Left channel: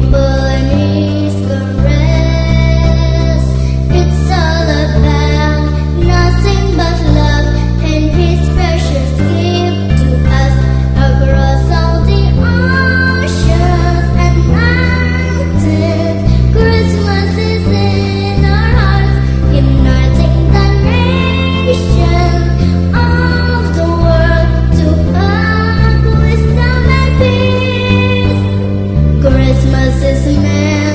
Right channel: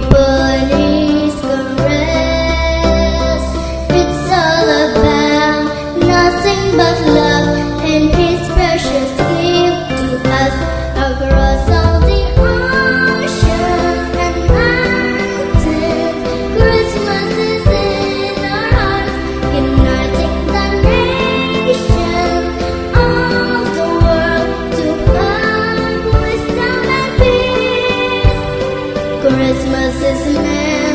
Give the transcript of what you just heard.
people and His caress. It's all about nothing but love and His precious gift to us across all the oceans and mountains. Christmas is in our hearts, uniting the nations of the world to hug wisdom and peace. Christmas is meant